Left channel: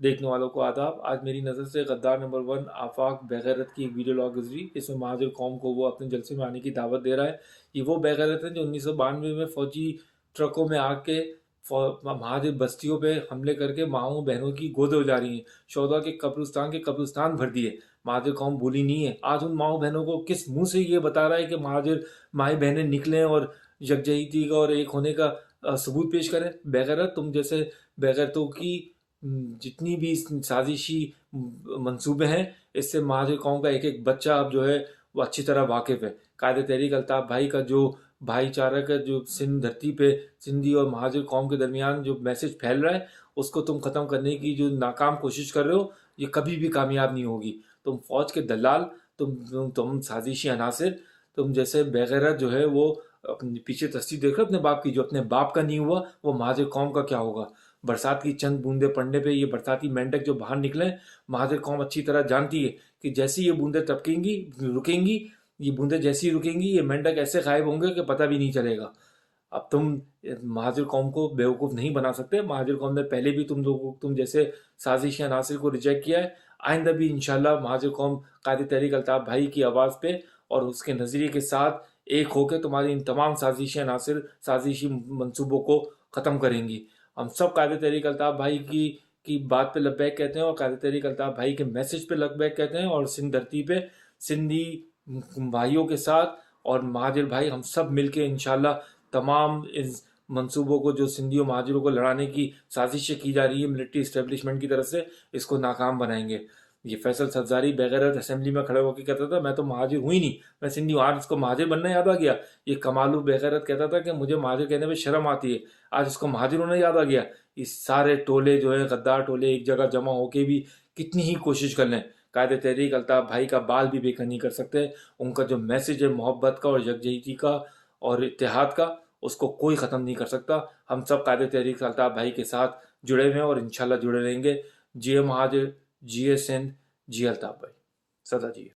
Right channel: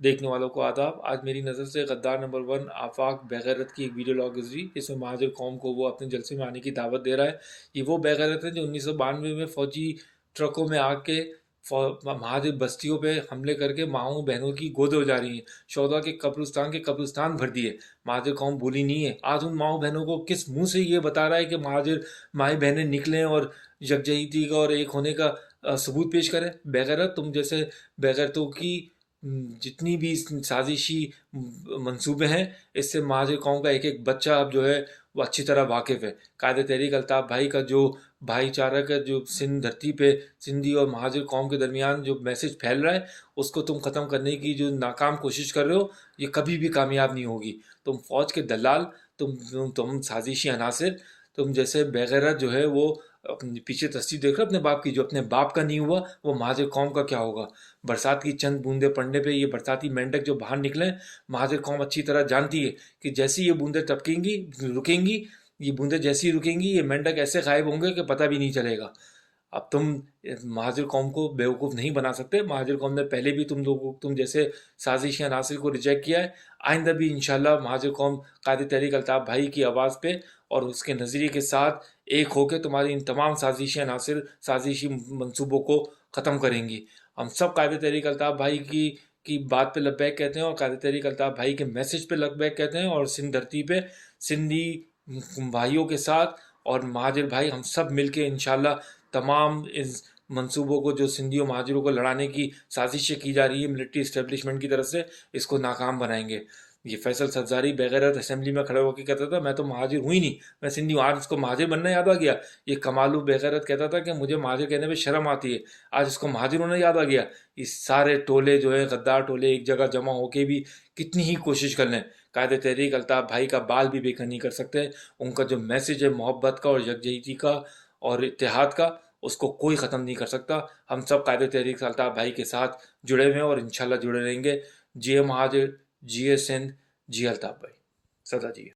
देखने वालों को आदाब। आज मेरी नज़र से गद्दार नंबर 1 आफाक बेगैरत की एक वीडियो लॉग गुजरी, इसमें महाजिर कौम को वो अपने जलसे में आने की दावत दे रहा है। ये वो बेगैरत है जो 1992 में फौजी ट्रकों में आके महाजिर बस्तियों पे हमले करके माओ बहनों की गोद उजारी है। शौदा के कब्रिस्तान भर दिए। महाजिर कौम भूली नहीं है। आज उन माओ बहनों को किस मुंह से ये बता रहा है कि महाजिर माए बहनें निकलें और यकजहती का और एक होने का सबूत पेश करें। बेगैरत, तुम जैसे बेगैरतों की जितनी भी साजिशी मंसूबे हैं, इससे महाजिर कौम का एक एक बच्चा अब जो है वो अच्छी तरह वाकिफ है। कायदे तहरीक अल्ताफ भाई का जो भाईचारा का जो सिंध धरती पे सिंधी और महाजिर कौम के दरमियान जो मैसेज फैल रहा है, उसको तुम ख़त्म करने की जो नाकाम कोशिश कर रहे हो, ये कभी भी कामयाब नहीं होगी। तुम फौज के दलाल, तुम साजिशी अनासिर, तुम जैसे बेगैरत जो है वो अपने पीछे तस्वीर देख रहे हो अपने बाप की। जो अपने बाप का नहीं हुआ वो महाजिर कौम का क्या होगा। बरसात की चंद बूंदे पड़ने पे ये बरसाती मेंढक जो बाहर निकले, महाजिर कौम अच्छी तरह जानती है कि जैसी ये बूंदे टपकेंगी रुकेंगी, ये बूंदे जैसी रुकेंगी ये मेंढक ऐसे गायब होंगे कि पता भी नहीं चलेगा। अब तुम महाजिर कौम को बेवकूफ़ नहीं बना सकते। महाजिर कौम ने पहले भी तुम जैसे साजिशी अनासिर को रिजेक्ट किया है। आइंदा भी इंशाल्लाह महाजिर कौम कायदे तहरीक अल्ताफ भाई की आवाज़ पे और उसके नज़रिए के साथ एक होकर तुम्हारी इन तमाम साजिशी अनासिर साजिशी मंसूबों को ख़त्म करेंगी। हम सब कायदे तहरीक अल्ताफ भाई की बात पे लब्बैक कहते हैं और कायदे तहरीक अल्ताफ भाई के मैसेज पे लब्बैक कहते हैं। और सिंध धरती पे सिंधी भाइयों के साथ और महाजिर भाई हम सब मिलके इंशाल्लाह तमाम इस मंसूबों को जो सिंधी और महाजिरों को लड़ाने की साजिशें की जा रही है मिलिट्री इस्टेब्लिशमेंट की तरफ से, इसको नाकाम बनाएंगे। ये फैसल सब्जारी बेगैरत असेंबली में खड़ा होकर कहता था मैं तो महाजिर हुई नहीं, मैं सिंधी हूँ। आज इसको महाजिर बनना याद आ गया। ये कमालू बेगैरत कहता था कि मुझे महाजिर कहने में शर्म आती है, आज इसको महाजिर होना याद आ गया। इस सारे टोले जो है गद्दार टोले एक जगह जमा होके भी कितनी ही कोशिश कर लें, कायदे तहरीक अल्ताफ भाई का बाल भी बेकर नहीं कर सकते। उनका जो मैसेज है मोहब्बत का और यकजहती का और इत्तेहाद का, उसको कोई ख़त्म नहीं कर सकता। हम सब कायदे तहरीक अल्ताफ भाई के साथ जुड़े हुए हैं और इंशाल्लाह जुड़े रहेंगे। जिए महाजिर, जिए सिंध, जिए अल्ताफ भाई, सदा जिए।